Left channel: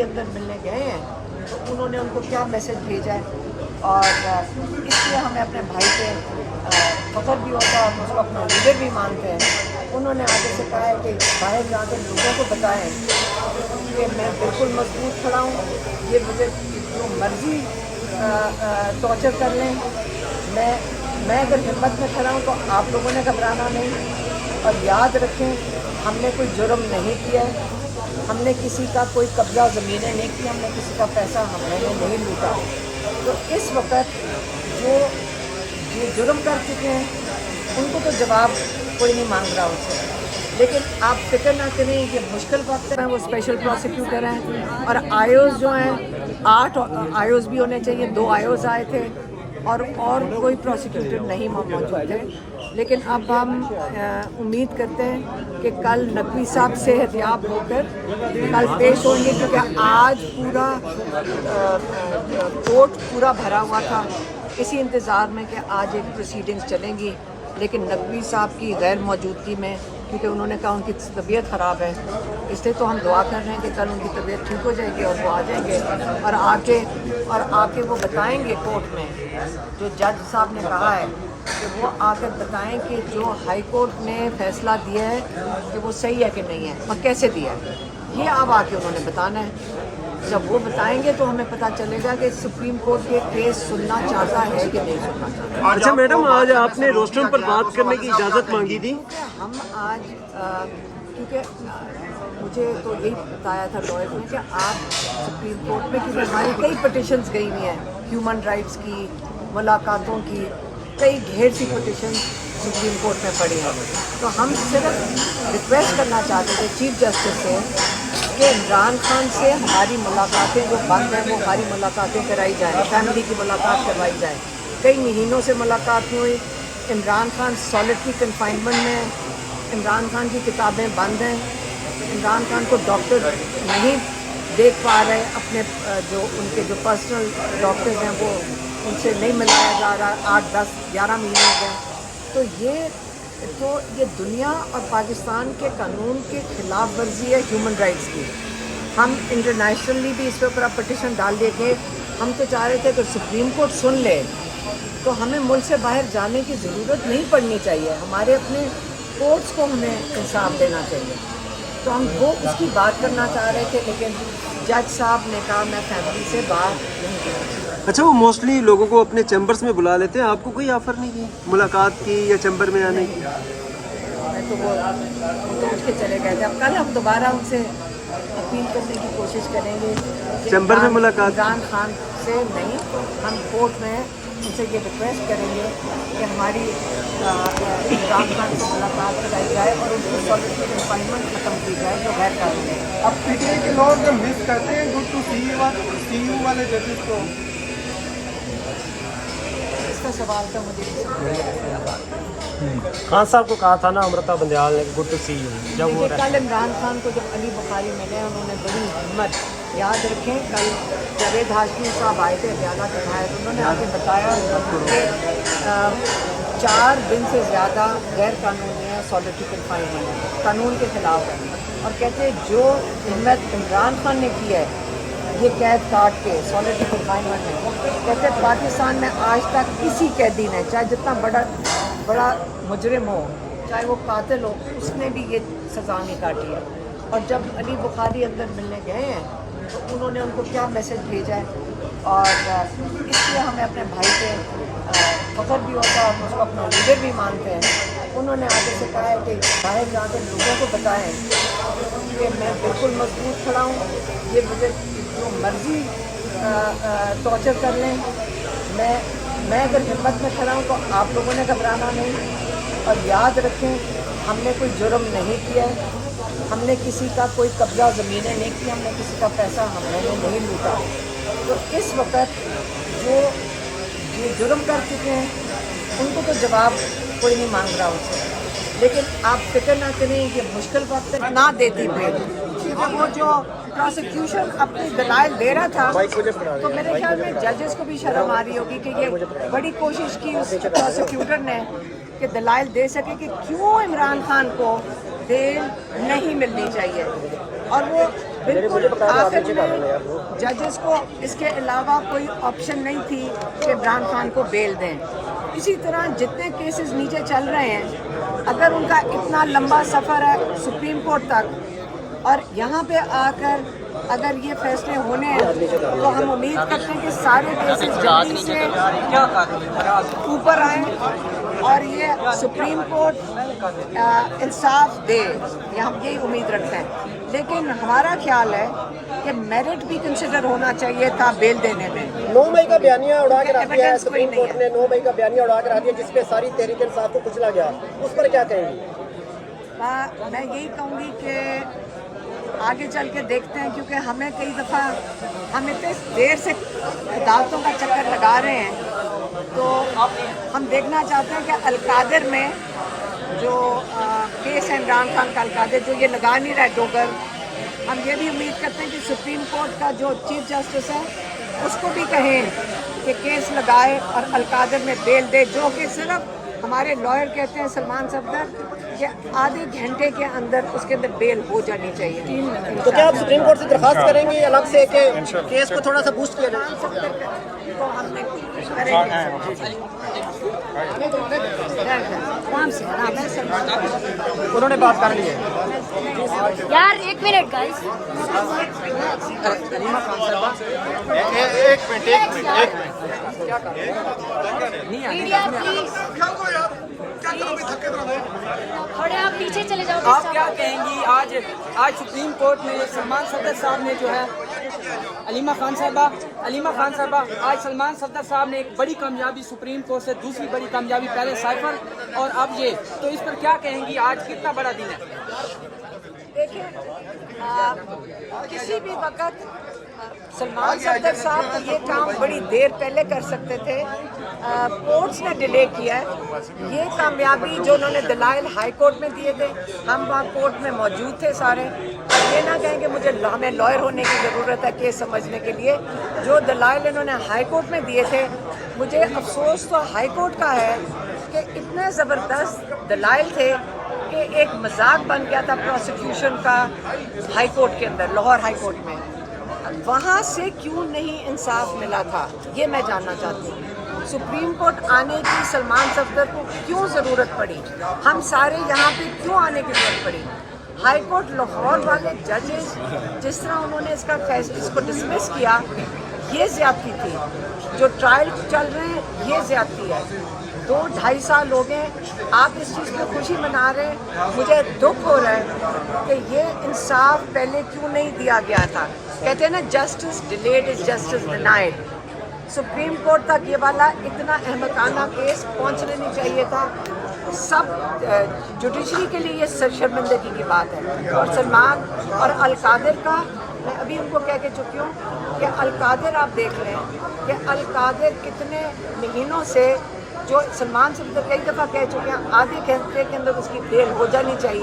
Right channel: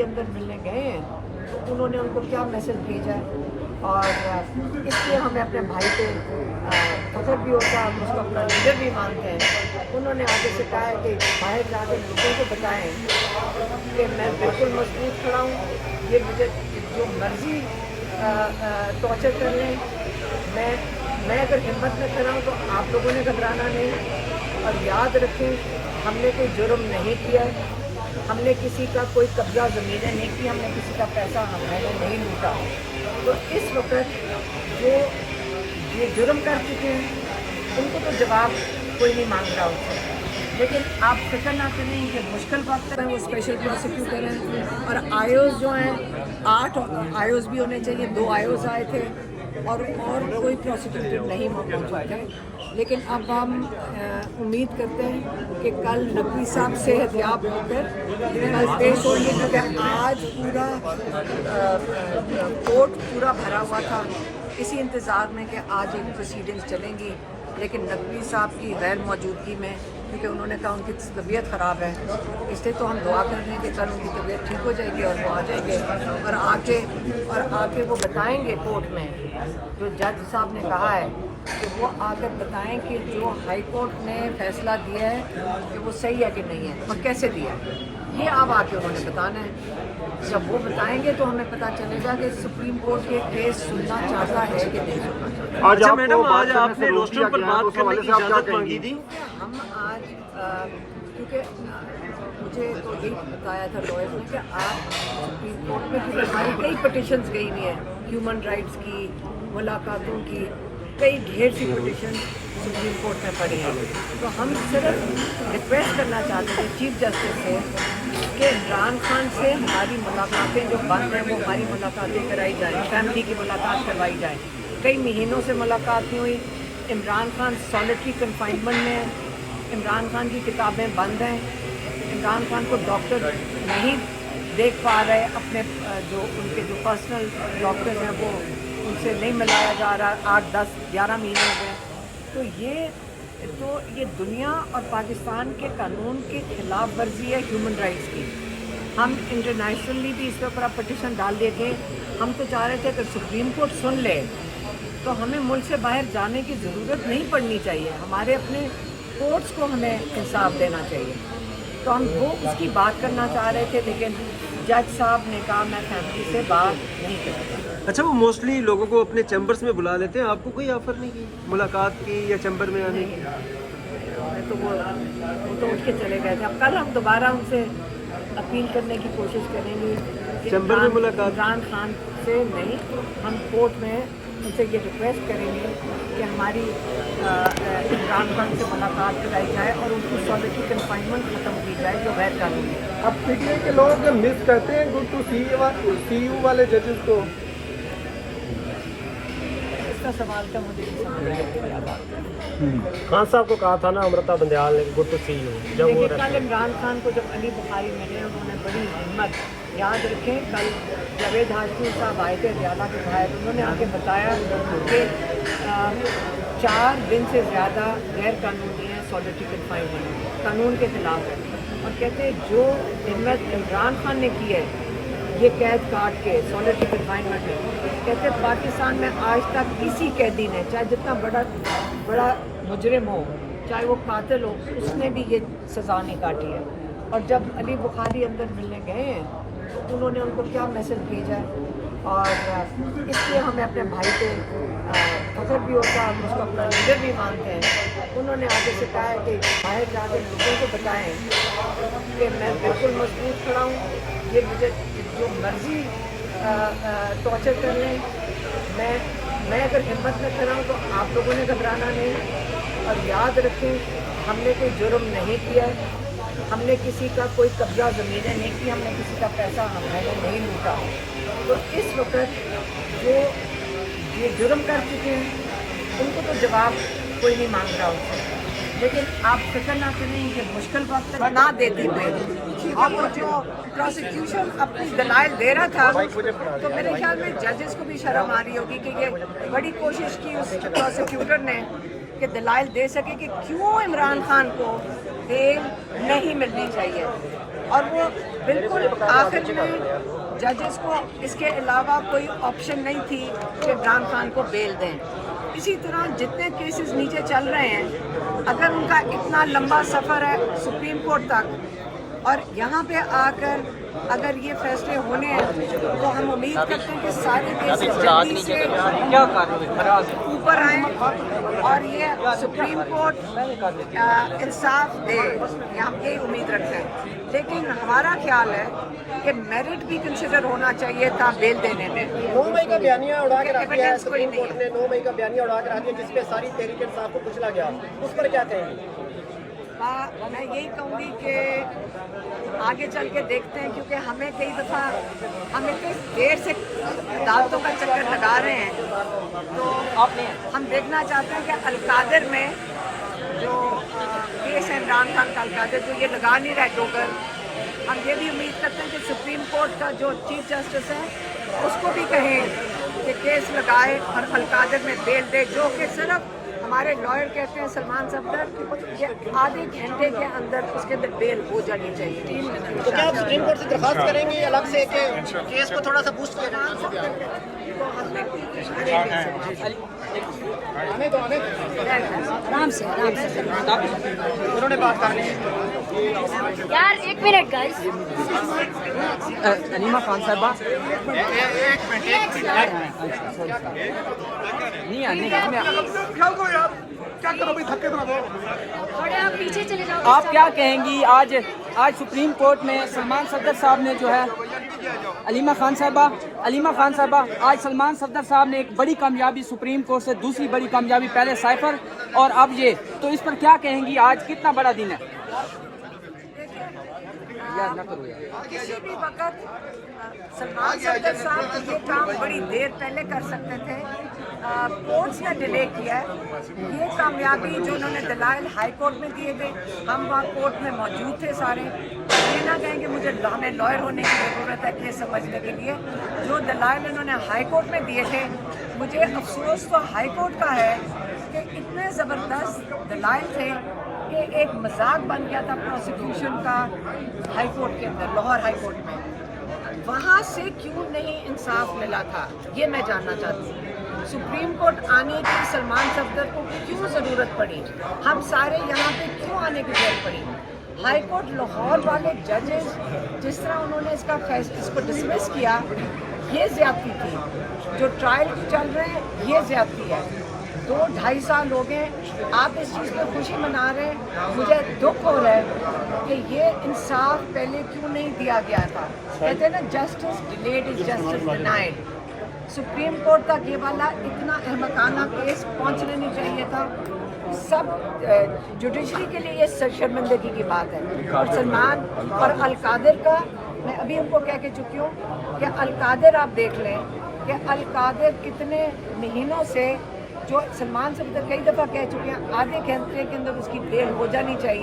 अंदर मिलने गए हैं तो उन्होंने उनको क्या मैसेज भेजा है और इसलिए हमें अपने भाई पे फख्र भी होता है, हम उसको अपना लीडर भी मानते हैं। उन्होंने आगे से कहा है कि बाहर जाकर लोगों को बताएं कि मैं बिल्कुल मजबूत खड़ा हूँ, ये मुझे जो मर्जी टॉर्चर कर लें, मैं अगर हिम्मत में खड़ा हूँ तो आप लोगों ने घबराना नहीं। और याद रखें, हमने कोई जुर्म नहीं किया है, हमने किसी का कोई कब्जा ज़मीनें नहीं की, हमने किसी का पैसा हमने नहीं लूटा। तो इस वक्त जो ये जुर्म कर चुके हैं उनको तो जवाब कोई नहीं मांग रहा उनसे, लेकिन आप फिक्र ना करें, ये मुश्किल वक्त है। वो स्पेशल प्रोसिक्यूटर हैं और आईओज़ जो हैं 8 आईओज़ भी होने चाहिए, 2 आईओज़ आए थे और कोई प्रोसिक्यूटर नहीं मौजूद थे। लेकिन अब हम उम्मीद करते हैं कि कल नकवी साहब सेहतयाब होकर कल पेश होंगे, क्योंकि आज पूरा कोर्ट पूरा भरा हुआ था इसी इंतज़ार में कि आज एक प्रोसीडिंग्स चलेंगी। लेकिन नकवी साहब की गैर मौजूदगी में, क्योंकि उन्होंने कहा उनकी तबीयत ख़राब है, इसलिए तो हम दुआ कर रहे हैं कि कल उनकी तबीयत ठीक हो जाएगी और वो आ जाएंगे और आके वो बताएंगे कोर्ट में, जो जज साहब ने कहा है कि वो आकर बताएं कि जो हाई कोर्ट ने फैसला दिया है कि वो सही है कि नहीं है और कैसे दिया है। ये अब आके उन्होंने बताना है। जब वो बताएंगे तो हमें पता चलेगा कि सुप्रीम कोर्ट के केस सुनना चाहता है कि नहीं सुनना चाहता। अच्छा मैडम, आज आपने रोस्टर पर बात करने की इजाज़त मांगी थी। हम आज क्योंकि मुझे तो यही बताया था लॉयर ने कि आप सुप्रीम कोर्ट में, क्योंकि हमारी कई पटिशन्स गई हुई हैं, ह्यूमन राइट्स की, मुलाकातों की, कई ढेर सी पटिशन सुप्रीम कोर्ट में पड़ी हैं। तो हम सिर्फ रिक्वेस्ट करना चाहते थे चीफ जस्टिस से कि इमरान खान से हमारी मुलाकातें जो बंद हैं वो हमारी मुलाकातें कराई जाएँ, फैमिली की मुलाकात करवाई जाए। कई महीनों से मुलाकात नहीं हुई। इमरान खान सॉलिटरी कन्फाइनमेंट में, इमरान खान की किताबें बंद हैं, इमरान खान को डॉक्टर नहीं देख पा रहे, अपने जो उनके जो पर्सनल डॉक्टर्स हैं वो उनसे नहीं मिलाया जा रहा, 8, 10, 11 महीने हो गए। तो ये दुनिया और पाकिस्तान के कानून के खिलाफ वर्जी है ह्यूमन राइट्स की। हम इंटरनेशनली भी इस पे ऊपर पटिशन डाल दिए थे। हम तो चाह रहे थे कि सुप्रीम कोर्ट सुन ले तो हमें मुल्क से बाहर जाने की ज़रूरत नहीं पड़नी चाहिए, हमारे अपने कोर्ट्स को हमें इंसाफ देना चाहिए। तो हम वो उसकी बात करना चाह रहे थे, लेकिन जज साहब ने कहा मैं फैमिली से बात नहीं करूँगी। अच्छा, वो मोस्टली लोगों को अपने चैम्बर्स में बुला लेते हैं, आपको कोई ऑफर नहीं की मुलाकात की या चैम्बर में आने की? तो वो तो उसके चले गए थे। अब कल हम दोबारा उनसे अपील करने की कोशिश करेंगे चैम्बर में मुलाकात इमरान खान से नहीं, हम कोर्ट में उनसे ये रिक्वेस्ट करेंगे कि हमारी इमरान खान से मुलाकात कराई जाए और उनको सॉलिटरी कन्फाइनमेंट ख़त्म की जाए जो गैर कानूनी है। अब पीटीआई के लोग मिस करते हैं गुड टू सी यू वाले जजेस को। इसका सवाल था मुझे नहीं समझ आया। खान साहब को कहा था ना अमृता बंदयाल ने गुड टू सी यू, जब वो कल इमरान खान को जब अली बुखारी मिले उन्होंने बड़ी हिम्मत, याद रखें कल जावेद हाशमी साहब आए थे रियाला के भाई, उन्होंने आके बताया कि 4 दिन से ज़्यादा गैर कानूनी है, सॉलिटरी कन्फाइनमेंट कानून के ख़िलाफ़ है। और कहते जो हिम्मत इमरान खान ने की है ये कैद काट के सॉलिटरी कन्फाइनमेंट है, कहते पाकिस्तान में आज तक किसी कैदी ने, चाहे जितना बड़ा मुजरिम हो, चाहे वो कातिल हो, उसने भी ये सज़ा नहीं काटी है। और जब अली बुखारी अंदर मिलने गए हैं तो उन्होंने उनको क्या मैसेज भेजा है और इसलिए हमें अपने भाई पे फख्र भी होता है, हम उसको अपना लीडर भी मानते हैं। उन्होंने आगे से कहा है कि बाहर जाकर लोगों को बताएं कि मैं बिल्कुल मजबूत खड़ा हूँ, ये मुझे जो मर्जी टॉर्चर कर लें, मैं अगर हिम्मत में खड़ा हूँ तो आप लोगों ने घबराना नहीं। और याद रखें, हमने कोई जुर्म नहीं किया है, हमने किसी का कोई कब्जा ज़मीनें नहीं की, हमने किसी का पैसा हमने नहीं लूटा। तो इस वक्त जो ये जुर्म कर चुके हैं उनको तो जवाब कोई नहीं मांग रहा उनसे, लेकिन आप फिक्र ना करें, ये मुश्किल वक्त ना देती बेल। और वो जो प्रोसिक्यूशन अपनी दलाइल दे रहा था तो मेरे ख्याल में जजेस को भी शर्म आ रही होगी कि ये बड़ी कोशिश की उस प्रोसिक्यूटर ने कि दलाइल दे सके कि क्यों इमरान खान को बेल नहीं मिलनी चाहिए। और वो بالکل آخر میں ججز کو اس کے علاوہ کوئی آپشن نہیں تھی کہ عمران خان کو بیل دیں. اسی طرح جتنے کیسز نیچے چل رہے ہیں، اگر ان کا اتنا لمبا سفر ہے سپریم کورٹ تک اور یہاں پہ آ کر اگر یہ فیصلے ہونے ہیں تو ہم امید کرتے ہیں کہ سارے کیسز جلدی سے اوپر آئیں اور یہ سپریم کورٹ انصاف دے. ہم یہی امید رکھتے ہیں. لیکن ہمارا خیال ہے کہ میرٹ بھی کنسیڈر ہونا چاہیے تھا بیل دینے میں. 9 مئی کا بیانیہ اڑا کر آ دیا ایویڈنس کوئی سپریم نہیں کورٹ نے 9 مئی کا بیانیہ اڑا کر آ دیا جس پہ ساری تحریک انصاف کو کچلا گیا، اس پر کیا کہیں گے؟ میں یہی کہوں گی کہ آگے چل کے دیکھتے ہیں، کیونکہ ہمیں کئی دفعہ ہم اتنے دیر سے عدالتوں کا چکر لگا رہے ہیں تو ہم دیکھنا چاہتے ہیں کہ القادر میں جو کیس ہے عمران خان کا القادر جو یہ لگا نہیں رہا ہے گوگر، ہم یہ بھی امید کرتے ہیں کہ سپریم کورٹ کا جو چیف جسٹس ہے اس کو بھی کہیں کہ کیس لگائے اور القادر میں بیل دے، جو کہ صرف ہمارے لائر کہتے ہیں سلمان صفدر کہ آدھے گھنٹے کے اندر اس کے اندر بیل ہو جانی چاہیے. 3 منٹ. تو کیا آپ سپریم کورٹ سے درخواست کریں گے الگ سے کہ کیس کو تھوڑا سا بوسٹ کریں؟ سلمان صفدر کو ہم نے کوشش کریں گے. آرام سے انہوں نے بات کر لی ہے. یار 1 منٹ گائز. تھوڑے آپ پیچھے چلے جاؤ. آپ کیا کہیں گی؟ آج سپریم کورٹ میں سلمان صفدر صاحب نے جو ہے علیمہ خان صاحبہ آج سلمان صفدر صاحب نے ایک بڑی کامیابی سپریم کورٹ سے دوسری بڑی کامیابی، پہلے سائفر اور اب یہ، تو اس پر کیا کہیں گی؟ آج کتنا بڑا دن ہے؟ دیکھیں کسی بھی وقت سلمان صفدر صاحب یہ کام بڑی دیر پہلے کر سکتے تھے. کورٹس نے ڈیلے کیا ہے. یہ کامیابی جو انہوں نے دلائل ہائی کورٹ میں دیے تھے، ہم وہاں کورٹ میں موجود تھے سارے. یہ نہ کہیں کہ ہمیں لائر ہونے کی ضرورت ہے کیس سمجھنے کے لیے. جو دلائل انہوں نے ہائی کورٹ میں دیے تھے، مجھے افسوس تو ہائی کورٹ کا ہے کہ اتنے زبردست دلائل تھے کہ ایک مذاق بن گیا تھا پروسیکیوشن کا ہائی کورٹ کے اندر، لاہور ہائی کورٹ میں. وہاں سے کیوں نہیں انصاف ملا تھا یہ میں جاننا چاہتی ہوں. سپریم کورٹ آنے کی سلمان صفدر کو کیوں ضرورت پڑی؟ ہم سارے یہاں پہ کیوں آنے کی ضرورت پڑی؟ ہائی کورٹ لاہور والے ججز جس طرح انہوں نے اس کو ڈسمس کیا، یہ زیادتی تھی. جو ٹرائل چل رہے ہیں یہ زیادتی ہے. 2-2.5 سال ہو گئے. آپ اس چیز پہ خوشی منا رہے ہیں، مجھے دکھ ہو رہا ہے کہ یہ انصاف پہلے کیوں نہیں دیا گیا تھا. کہتے ہیں نا justice delayed is justice denied. Supreme court تک یہ والا اتنا احمقانہ کیس پہنچنے نہیں چاہیے تھا. سب جوڈیشری کے لیے یہ شرمندگی کی بات ہے. اور سلمان اور القادر کا میں ابھی ان کو کہہ کے چکی ہوں کہ القادر آپ دیکھ لیں کہ القادر کتنے مہینوں سے، جو سلمان سے کئی دفعہ کہہ چکے ہیں آدھے گھنٹے کے اندر اس کی بیل ہو جانی چاہیے.